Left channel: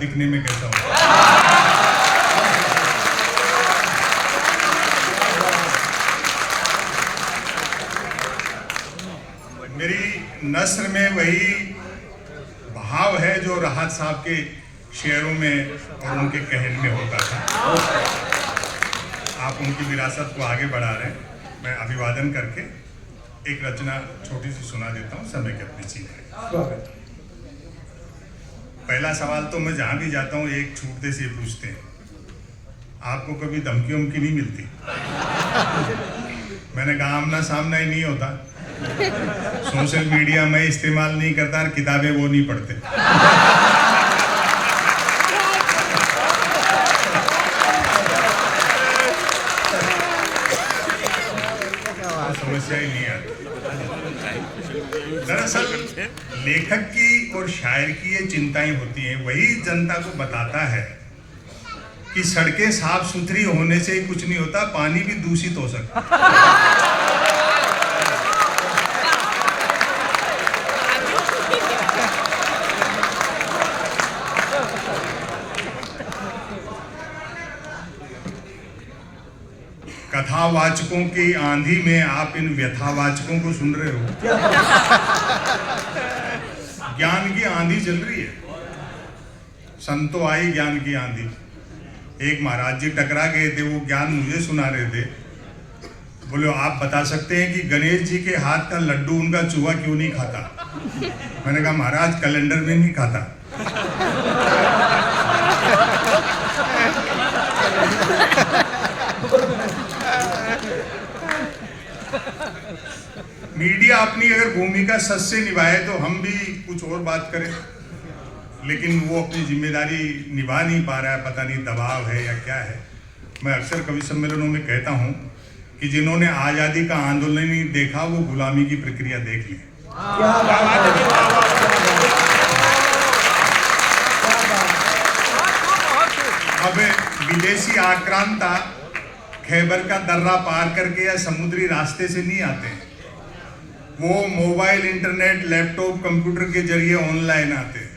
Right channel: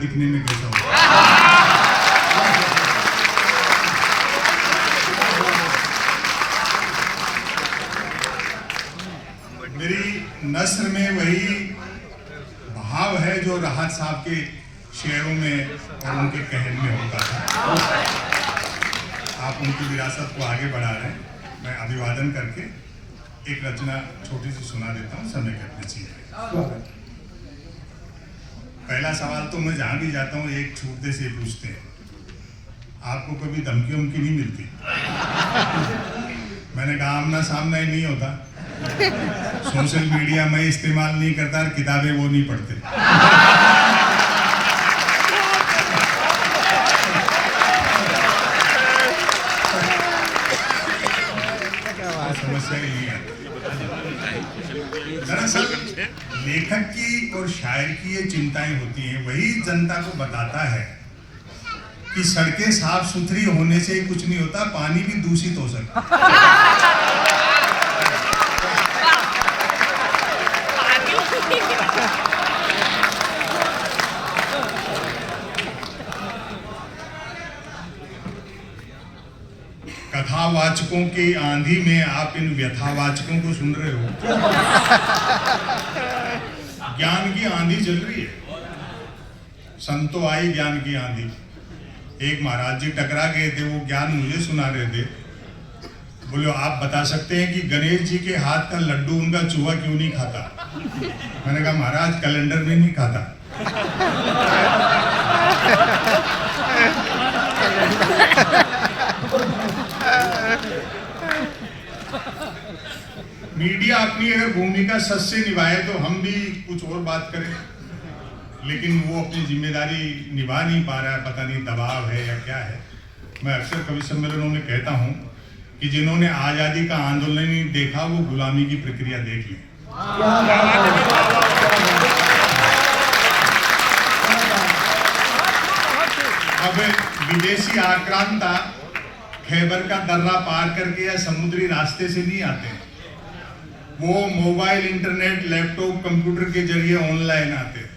दिखने में कैसा हो। मेरी नस्र में वही भाव है जो राहत साहब के शेरों में और उनके कहने में होता था। आप उनकी विरासत को आगे बढ़ा रहे हैं। मैं अभिवादन करके एक रचना छोटी सी सुना देता हूँ समय के अपने सीमा। पहला सवाल तो मैं जहाँ भी जाता हूँ एक छूटते से पूछते हैं, आपको कभी धमकी उमकी नहीं मिलती? मैंने कहा आमना सामना ही नहीं होता, सोशल मीडिया मैं इस्तेमाल नहीं करता और किताबें वो नहीं पढ़ते। समस्या ही नहीं आती। दरअसल लेखक की और शायर की ये चिंताएं होती हैं, वही जनता को बताता है कि सड़कें साफ सुथरी होने से ही कुछ नहीं होता, पानी भी दूषित हो सकता है। कथावाचकों की आंधी में आप इन व्यथावाचकों को सुन रहे हो। ज्ञान की आंधी चल रही है, संतो आई ज्ञान की आंधी। एक महाराज जी टकरा गए थे, वो ज्ञान मुझे सुना रहे थे। बोले आप बता सकते हैं कि गणेश जी के हाथ का लड्डू उनका चूहा क्यों नहीं खाता? मैंने कहा महाराज कैलेंडर में नहीं खाता। मीडिया अपनी अगर भूमिका सच से निभाए तो हम भी कुछ और बात करें, लेकिन वो अपनी जिम्मेदारी निभा नहीं पा रहा है। पता नहीं दबाव है या क्या है। मैं अक्सर कवि सम्मेलनों में कहता हूं कि जिन्होंने आजादी का आंदोलन नहीं देखा वो गुलामी की प्रक्रिया देख लें। अब विदेशी आक्रांता खैबर का दर्रा पार करके या समुद्री रास्ते से नहीं आते हैं, वो मोबाइल, इंटरनेट, लैपटॉप, कंप्यूटर के जरिए ऑनलाइन आते हैं।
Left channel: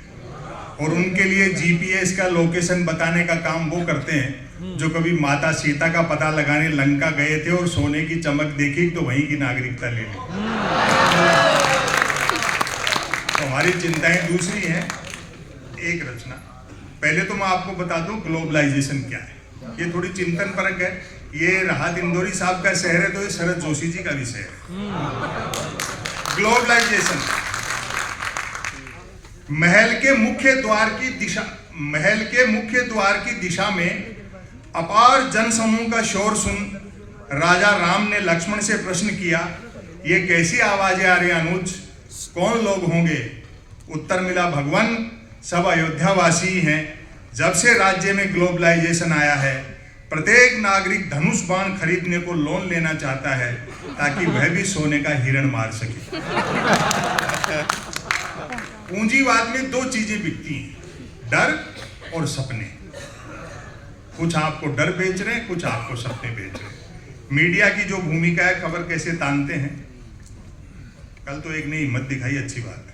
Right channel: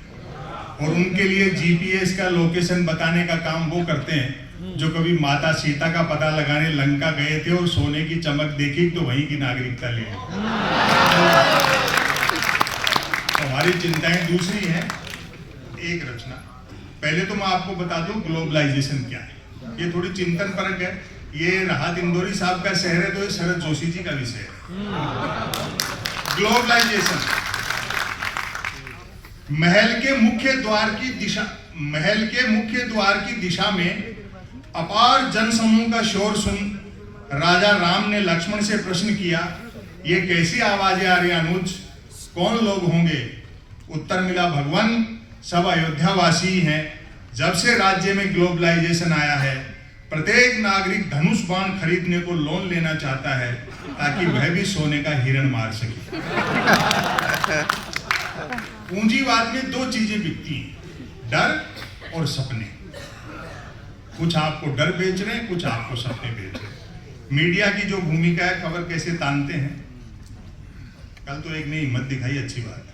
और उनके लिए जीपीएस का लोकेशन बताने का काम वो करते हैं जो कभी माता सीता का पता लगाने लंका गए थे और सोने की चमक देखी तो वहीं की नागरिकता ले ली। तो हमारी चिंताएं दूसरी हैं। एक रचना पहले तो मैं आपको बता दूं ग्लोबलाइजेशन क्या है। ये थोड़ी चिंतन परक है। ये राहत इंदौरी साहब का शहर है तो ये शरद जोशी जी का भी शहर है। ग्लोबलाइजेशन महल के मुख्य द्वार की दिशा में अपार जनसमूह का शोर सुन राजा राम ने लक्ष्मण से प्रश्न किया, ये कैसी आवाजें आ रही अनुज, कौन लोग होंगे? उत्तर मिला, भगवान सब अयोध्यावासी हैं। जब से राज्य में ग्लोबलाइजेशन आया है प्रत्येक नागरिक धनुष बाण खरीदने को लोन लेना चाहता है ताकि वह भी सोने का हिरण मार सके। पूंजीवाद में दो चीजें बिकती हैं, डर और सपने। कुछ आपको डर बेच रहे हैं, कुछ आपको सपने बेच रहे हैं। मीडिया की जो भूमिका है, खबर कैसे तानते हैं। कल तो एक ने हिम्मत दिखाई, अच्छी बात है।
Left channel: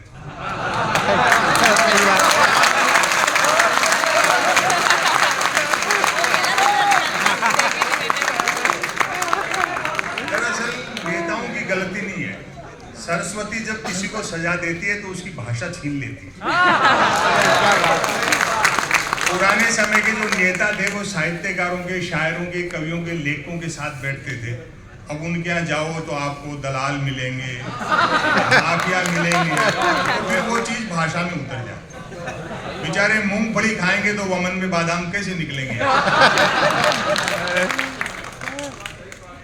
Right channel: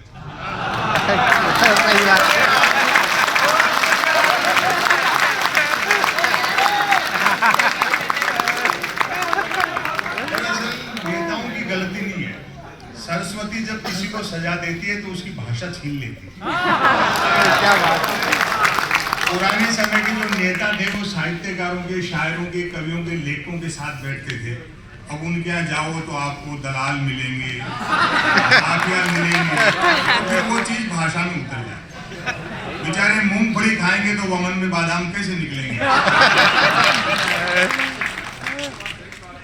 दरअसल नेताओं की गलती नहीं है। सरस्वती जब किसी को सजा देती है तो उसकी भाषा छीन लेती है। क्या बात है। पुराने समय के जो नेता थे वो साहित्यकारों के, शायरों के, कवियों के, लेखकों के साथ बैठते थे। अब उनके यहाँ जाओ तो आपको दलाल मिलेंगे, माफिया मिलेंगे, फिर वो चीज भाषा में उतर जाए। बेचारे मूंगफली खाएंगे तो वमन में बादाम कैसे निकलेंगे।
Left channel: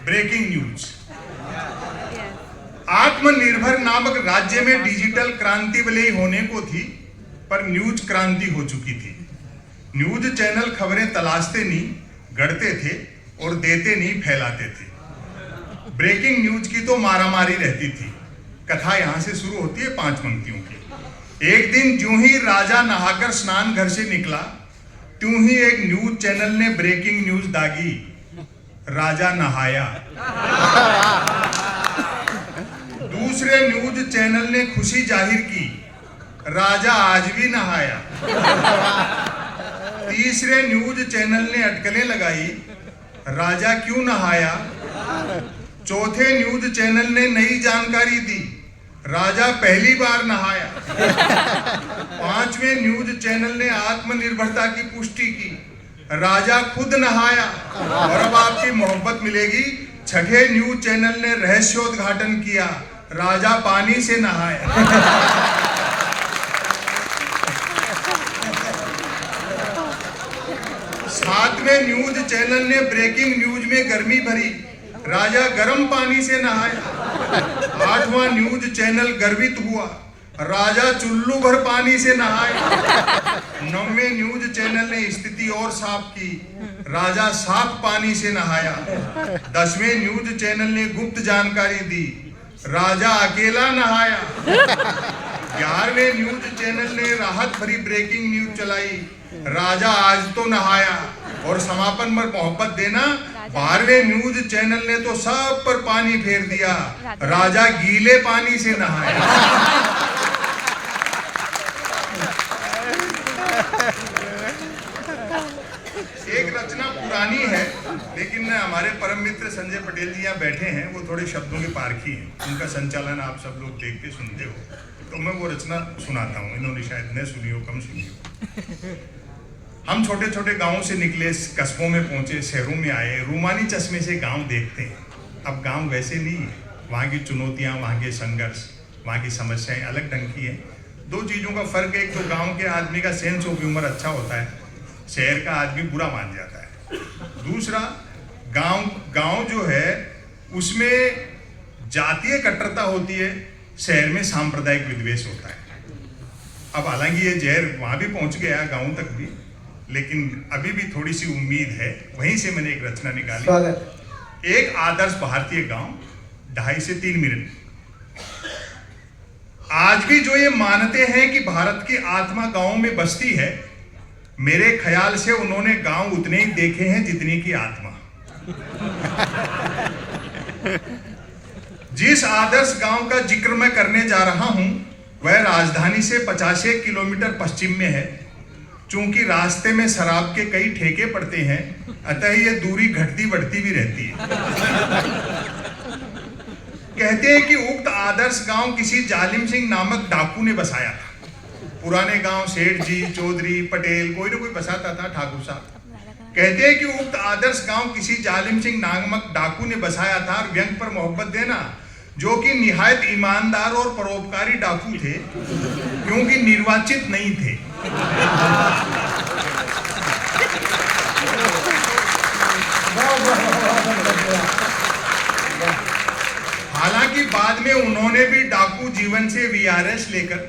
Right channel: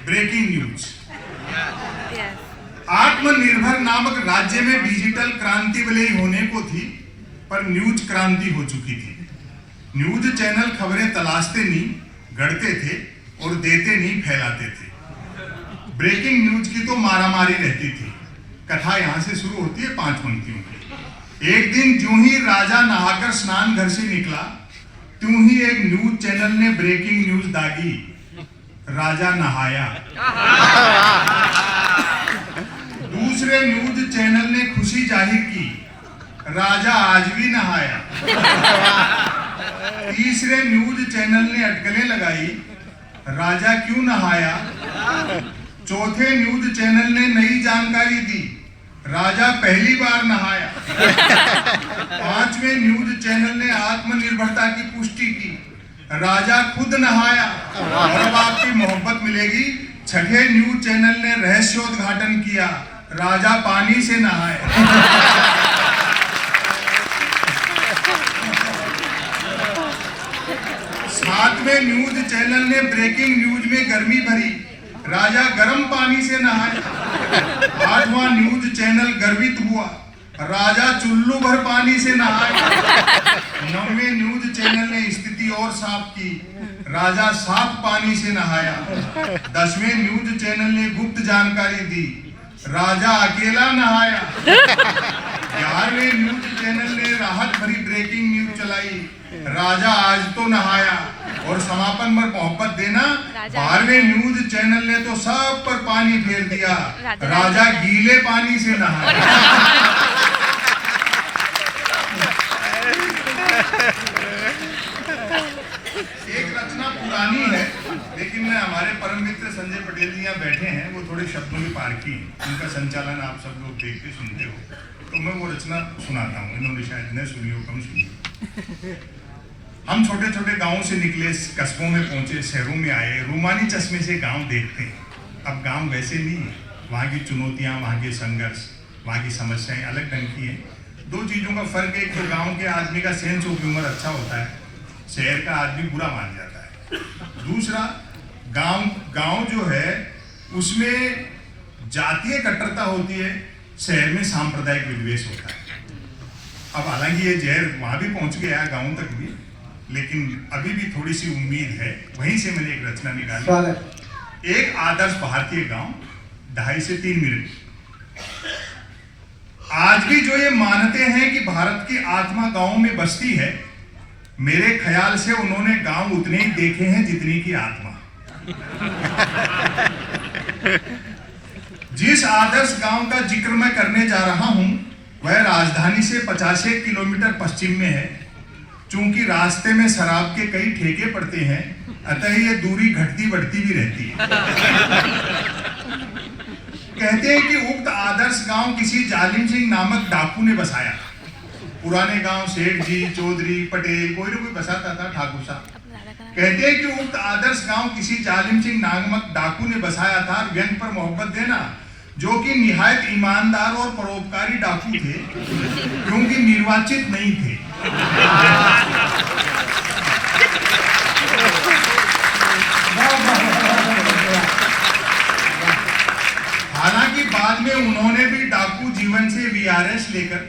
Breaking news. आत्मनिर्भर नामक राज्य में डिजिटल क्रांति भले ही होने को थी, पर न्यूज क्रांति हो चुकी थी। न्यूज चैनल खबरें तलाशते नहीं, गढ़ते थे और देते नहीं, फैलाते थे। ब्रेकिंग न्यूज की तो मारामारी रहती थी। कथा यहां से शुरू होती है 5 पंक्तियों की। एक दिन ज्यों ही राजा नहाकर स्नान घर से निकला, त्यों ही एक न्यूज चैनल ने ब्रेकिंग न्यूज दागी, राजा नहाया। दूसरे न्यूज चैनल ने खुशी जाहिर की, राजा आज भी नहाया। तीसरे न्यूज चैनल ने अटकलें लगाई, राजा क्यों नहाया। चौथे न्यूज चैनल ने नई जानकारी दी, राजा पहली बार नहाया। पांचवें न्यूज चैनल ने आत्मनिर्भरता की पुष्टि की, राजा खुद नहाया और अब आपकी मोहब्बत मिलेगी। छठे न्यूज चैनल ने रहस्योद्घाटन किया, राजा पानी से नहाया। सातवें न्यूज चैनल ने ब्रेकिंग न्यूज में गर्मी भरी, राजा गर्म पानी से नहाया। आठवां न्यूज चैनल गर्वित हुआ, राजा चुल्लू भर पानी से नहाया। नौवें न्यूज चैनल ने स्थिति और साफ की, राजा साफ पानी से नहाया। 10वें न्यूज चैनल ने गुप्त जानकारी दी, राजा अकेला नहाया। 11वें न्यूज चैनल ने राहत भरी ब्रेकिंग न्यूज चलाई, राजा आज तो नहाया। और समापन पर मोहब्बत देना, 12वें न्यूज चैनल ने तो सब पर पानी फेर दिया, राजा गीले पानी से नहाया। एक रचना पुरानी है, लेकिन मैं हमारे परम मित्र संजय पटेल जी यहाँ बैठे हैं, वो थोड़े शब्दों के पारखी हैं, उनका संचालन आप सब लोग देखते सुनते हो, तो मैं वो रचना सुनाता हूँ। इन्होंने शायद न सुनी हो, कम सुनी। हम छोटे छोटे गांवों से निकले, कस्बों में पहुंचे, शहरों में आए, रूमानी चश्मे से गांव देखते हैं। अब गांव वैसे नहीं है, वहाँ की चुनौतियाँ, वहाँ के संघर्ष, वहाँ की समस्याएं अलग ढंग की हैं। दो चीज़ों का फर्क है, तो गांव के आदमी का सेंस ऑफ ह्यूमर अच्छा होता है, शहर का आदमी बुरा मान जाता है। दूसरा, गांव जो है उसमें जातीय कट्टरता होती है, शहर में सांप्रदायिक विद्वेष होता है। अब हालांकि ये जहर वहाँ भी पहुँच गया, गाँव तक भी, लेकिन अभी भी थोड़ी सी उम्मीद है। वहीं से मैंने एक रचना निकाली, एक आदर्श भारतीय गांव, 2.5 से 3 मिनट। आज भी जो ये मानते हैं कि भारत की आत्मा गांव में बसती है, मेरे ख्याल से उन्होंने गांव उतने ही देखे हैं जितनी की आत्मा। जिस आदर्श गांव का जिक्र मैं करने जा रहा हूं, वह राजधानी से 50 किलोमीटर पश्चिम में है। चूंकि रास्ते में शराब के कई ठेके पड़ते हैं, अतः ये दूरी घटती बढ़ती भी रहती है। कहते हैं कि उक्त आदर्श गांव किसी जालिम सिंह नामक डाकू ने बसाया। पुराने गांव सेठ जी, चौधरी, पटेल, कोई ना कोई बसाता था, ठाकुर साहब। कहते हैं कि उक्त आदर्श गांव किसी जालिम सिंह नामक डाकू ने बसाया था। व्यंग पर मोहब्बत देना, जो कि निहायत ईमानदार और परोपकारी डाकू थे, क्योंकि निर्वाचित नहीं थे। हालांकि बाद में उन्होंने भी डाकू जीवन से वीआरएस लेकर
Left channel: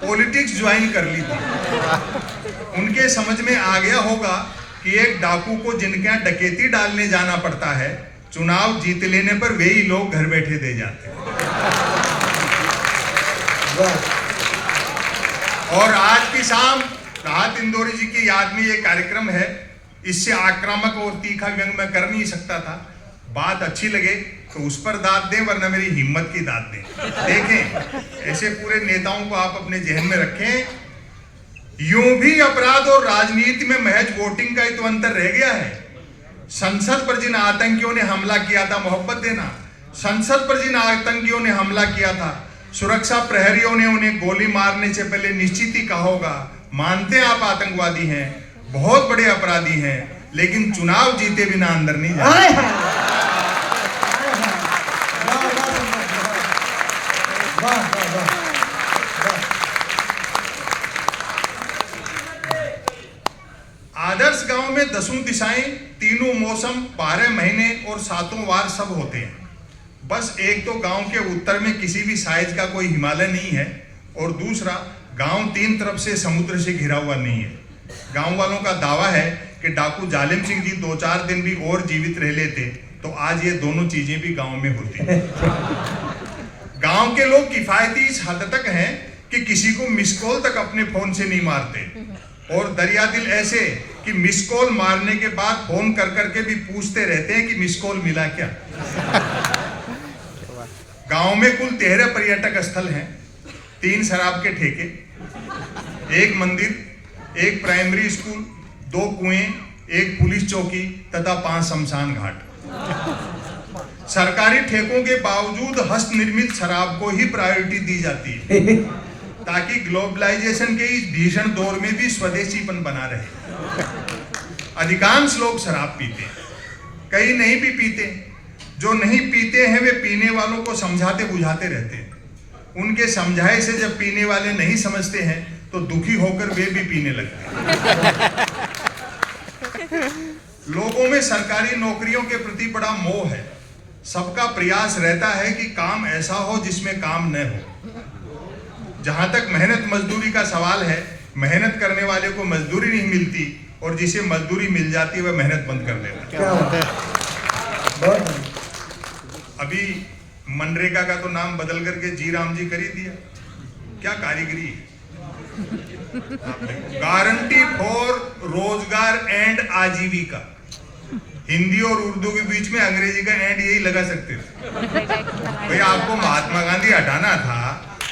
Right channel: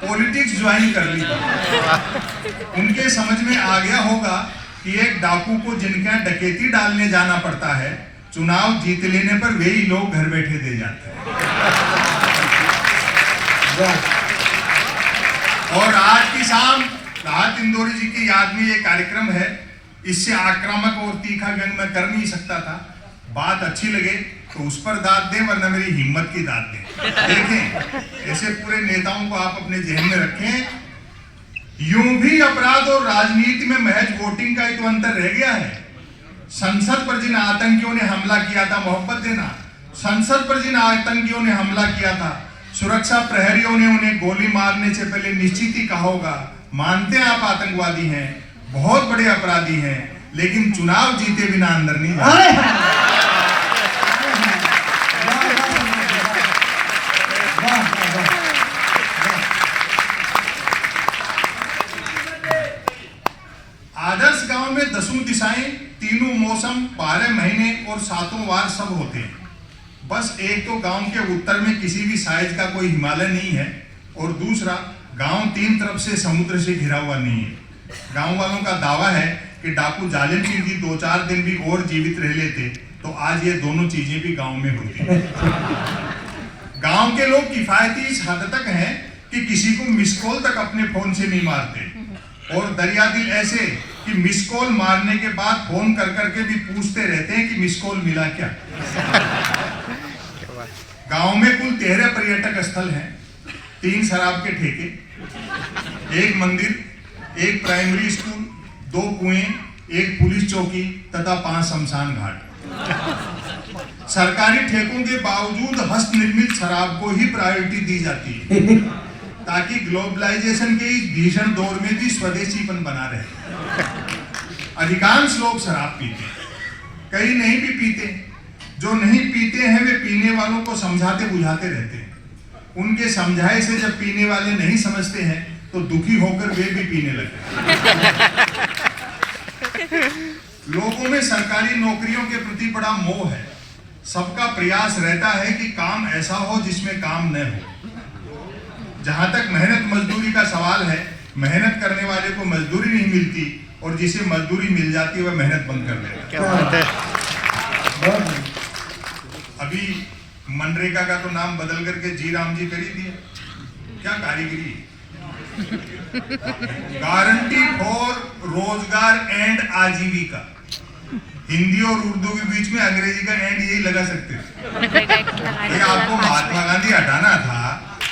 पॉलिटिक्स ज्वाइन कर ली। उनके समझ में आ गया होगा कि एक डाकू को जिनके यहाँ डकैती डालने जाना पड़ता है, चुनाव जीत लेने पर वे ही लोग घर बैठे दे जाते हैं। और आज की शाम राहत इंदौरी जी की याद में ये कार्यक्रम है। इससे आक्रामक और तीखा व्यंग मैं कर नहीं सकता था। बात अच्छी लगे तो उस पर दाद दें, वरना मेरी हिम्मत की दाद दें। देखें, ऐसे पूरे नेताओं को आप अपने जहन में रखें। यूं भी अपराध और राजनीति में महज वोटिंग का ही तो अंतर रह गया है। संसद पर जिन आतंकियों ने हमला किया था, मोहब्बत देना, संसद पर जिन आतंकियों ने हमला किया था, सुरक्षा प्रहरियों ने उन्हें गोली मारने से पहले निश्चित ही कहा होगा, मानते हैं आप आतंकवादी हैं, बहुत बड़े अपराधी हैं, लेकिन चुनाव जीते बिना अंदर नहीं जाते। आदर्श गांव में 10 दिशाएं, 3 मौसम, 12 महीने और 7 वार सब होते हैं। बस एक तो गांव के उत्तर में किसी भी साइज का कोई हिमालय नहीं है, और दूसरा गांव 3 तरफ से समुद्र से घिरा हुआ नहीं है। गांव वालों का दावा है कि डाकू जालिम सिंह जी 2-4 दिन भी और जीवित रह लेते तो आज ये दोनों चीजें भी गांव में होती। गांव के लोग किफायती इस हद तक हैं कि किसी को मिस कॉल तक अपने फोन से नहीं मारते, और दरिया दिल ऐसे कि मिस कॉल मारने के बाद फोन कर करके भी पूछते रहते हैं कि मिस कॉल मिला क्या। गांव में कुल 13 पर्यटक स्थल हैं, 3 शराब के ठेके, 1 मंदिर, 1 प्राइमरी स्कूल, 2 कुएं, 1 पुलिस चौकी तथा 5 शमशान घाट। सरकारी ठेकों के बावजूद हस्त निर्मित शराब को ही प्रायोरिटी दी जाती है ताकि ग्लोबलाइजेशन के इस भीषण दौर में भी स्वदेशीपन बना रहे। अधिकांश लोग शराब पीते हैं, कई नहीं भी पीते। जो नहीं पीते हैं वे पीने वालों को समझाते बुझाते रहते हैं। उनके समझाए से जब पीने वाले नहीं समझते हैं तो दुखी होकर वे भी पीने लगते हैं। लोगों में सरकारी नौकरियों के प्रति बड़ा मोह है। सबका प्रयास रहता है कि काम ऐसा हो जिसमें काम न हो। जहां तक मेहनत मजदूरी का सवाल है, मेहनत करने वाले को मजदूरी नहीं मिलती और जिसे मजदूरी मिल जाती है वह मेहनत बंद कर देता है। अभी मनरेगा का तो नाम बदल करके जी राम जी कर ही दिया। क्या कारीगरी है। गारंटी फॉर रोजगार एंड आजीविका। हिंदी और उर्दू के बीच में अंग्रेजी का एंड यही लगा सकते थे। आपको महात्मा गांधी हटाना था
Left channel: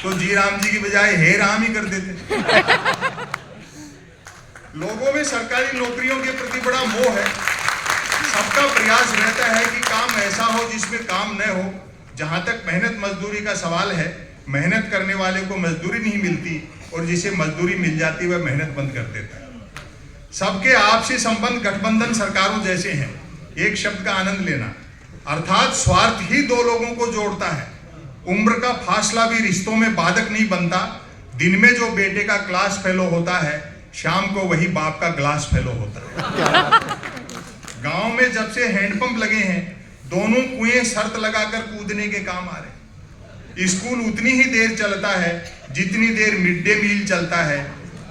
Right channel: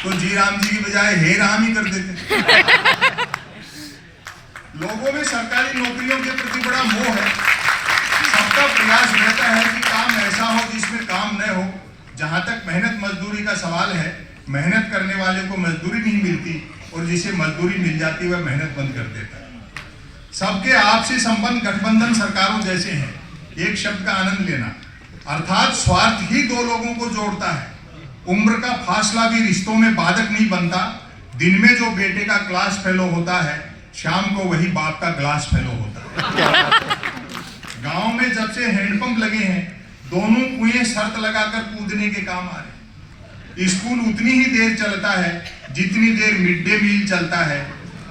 तो जी राम जी की बजाय हे राम ही कर देते। लोगों में सरकारी नौकरियों के प्रति बड़ा मोह है। सबका प्रयास रहता है कि काम ऐसा हो जिसमें काम न हो। जहां तक मेहनत मजदूरी का सवाल है, मेहनत करने वाले को मजदूरी नहीं मिलती और जिसे मजदूरी मिल जाती है वह मेहनत बंद कर देता है। सबके आपसी संबंध गठबंधन सरकारों जैसे हैं। एक शब्द का आनंद लेना, अर्थात स्वार्थ ही 2 लोगों को जोड़ता है। उम्र का फासला भी रिश्तों में बाधक नहीं बनता। दिन में जो बेटे का क्लास फेलो होता है, शाम को वही बाप का ग्लास फेलो होता है। गांव में जब से हैंडपंप लगे हैं, दोनों कुएं शर्त लगाकर कूदने के काम आ रहे। स्कूल उतनी ही देर चलता है जितनी देर मिड डे मील चलता है।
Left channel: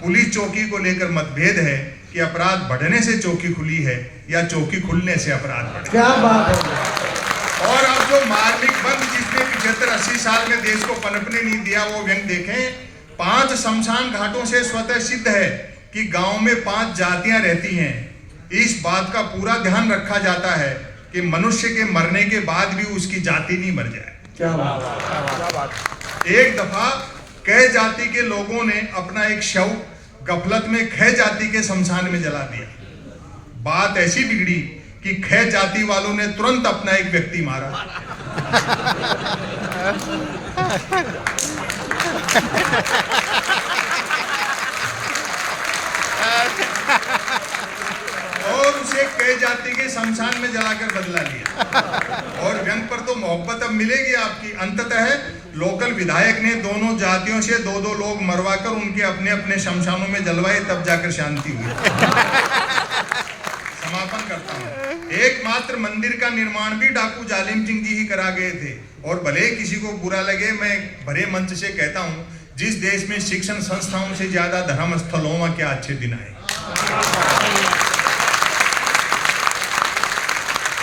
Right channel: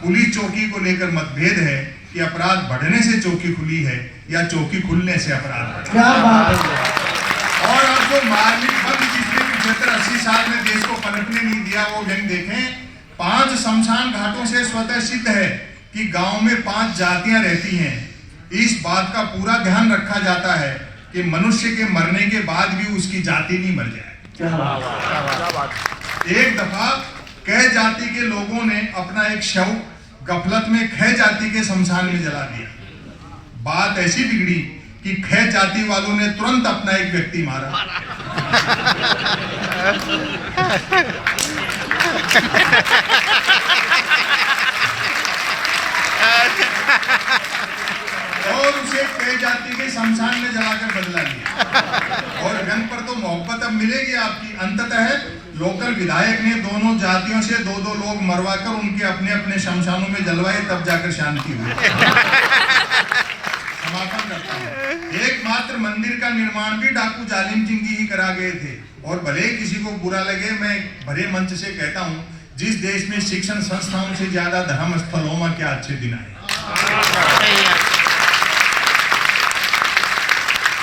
पुलिस चौकी को लेकर मतभेद है कि अपराध बढ़ने से चौकी खुली है या चौकी खुलने से अपराध। क्या बात है। और अब जो मार्मिक बंद जिसने 75-80 साल में देश को पनपने नहीं दिया, वो व्यंग देखें। 5 शमशान घाटों से स्वतः सिद्ध है कि गांव में 5 जातियां रहती हैं। इस बात का पूरा ध्यान रखा जाता है कि मनुष्य के मरने के बाद भी उसकी जाति नहीं मर जाए। क्या बात। एक दफा कै जाति के लोगों ने अपना एक शव गफलत में खे जाति के शमशान में जला दिया। बात ऐसी बिगड़ी कि खे जाति वालों ने तुरंत अपना एक व्यक्ति मारा। और उसे कै जाति के शमशान में जलाकर बदला लिया। और व्यंग पर तो मोहब्बत अब मिलेगी आपकी। अंततः लोकल विधायक ने दोनों जातियों से 2-2 लोग मरवाकर उनके अपने अपने शमशानों में जलवाए, तब जाकर शांति हुई। समापन करता हूं। एकमात्र मंदिर का निर्माण भी डाकू जालिम सिंह जी ही करा गए थे। और भले किसी को बुरा लगे, मैं भरे मंच से कहता हूं, जिस देश में शिक्षण संस्थाओं से ज्यादा धर्म स्थलों में क्या अच्छे दिन आए।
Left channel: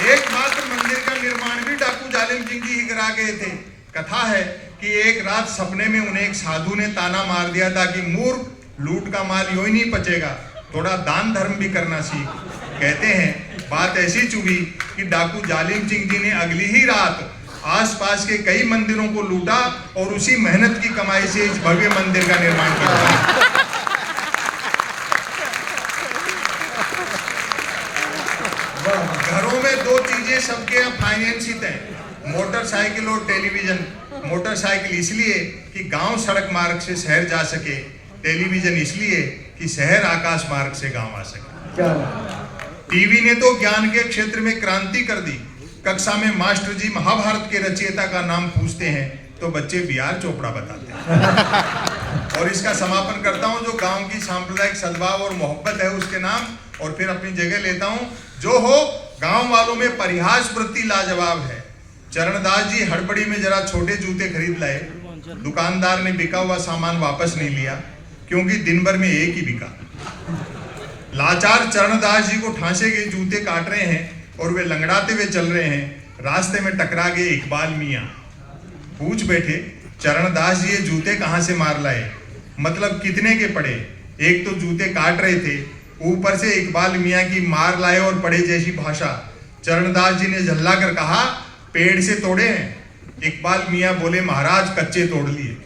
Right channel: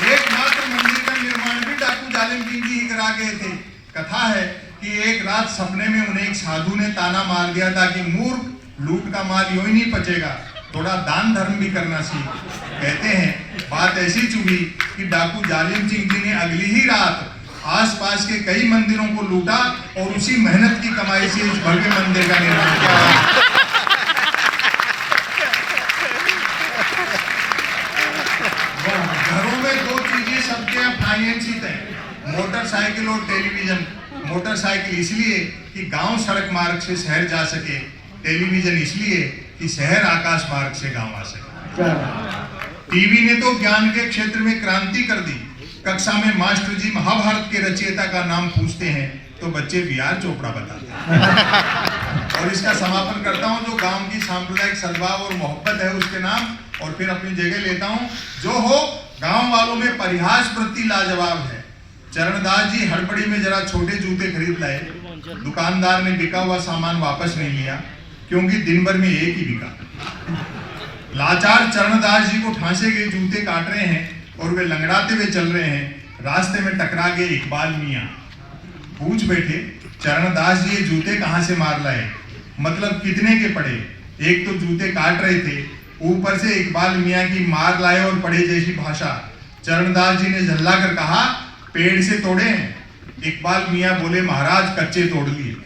एकमात्र मंदिर का निर्माण भी डाकू जालिम सिंह जी ही करा गए थे। कथा है कि एक रात सपने में उन्हें एक साधु ने ताना मार दिया था कि मूर्ख, लूट का माल यूं ही नहीं पचेगा, थोड़ा दान धर्म भी करना सीख। कहते हैं बात ऐसी चुभी कि डाकू जालिम सिंह जी ने अगली ही रात आसपास के कई मंदिरों को लूटा और उसी मेहनत की कमाई से इस भव्य मंदिर का निर्माण किया। घरों में 2 चीजें सबके यहाँ फाइनेंसित है, मोटरसाइकिल और टेलीविजन। मोटरसाइकिल इसलिए कि गांव सड़क मार्ग से शहर जा सके, टेलीविजन इसलिए कि शहर आकाश मार्ग से गांव आ सके। टीवी ने तो ज्ञान के क्षेत्र में क्रांति कर दी। कक्षा में मास्टर जी महाभारत के रचयिता का नाम पूछते हैं तो बच्चे बीआर चोपड़ा बताते हैं। और इसका समापन करता हूं, जो गांव की सांप्रदायिक सद्भाव और मोहब्बत है उसके नाम, और फिर अपनी जगह लेता हूं। जो हो, गांव वालों में परिहास वृत्ति लाजवाब है। चरणदास जी हड़बड़ी में जरा छोटे जूते खरीद लाए। दुकानदार ने बिका हुआ सामान वापस नहीं लिया क्योंकि दिन भर में एक ही बिका। लाचार चरणदास जी को ठांसे के जूते काट रहे हैं और वे लंगड़ाते हुए चल रहे हैं। रास्ते में टकरा गए इकबाल मियाँ। पूछ बैठे, चरणदास जी ये जूते कहाँ से मार लाए, मतलब कितने के पड़े? एक तो जूते काट रहे थे, ऊपर से इकबाल मियाँ की मार लाए और पड़े जैसी भाषा। चरणदास जी ने झल्ला कर कहा, पेड़ से तोड़े हैं। इकबाल मियाँ बोले, महाराज कच्चे तोड़ लिए।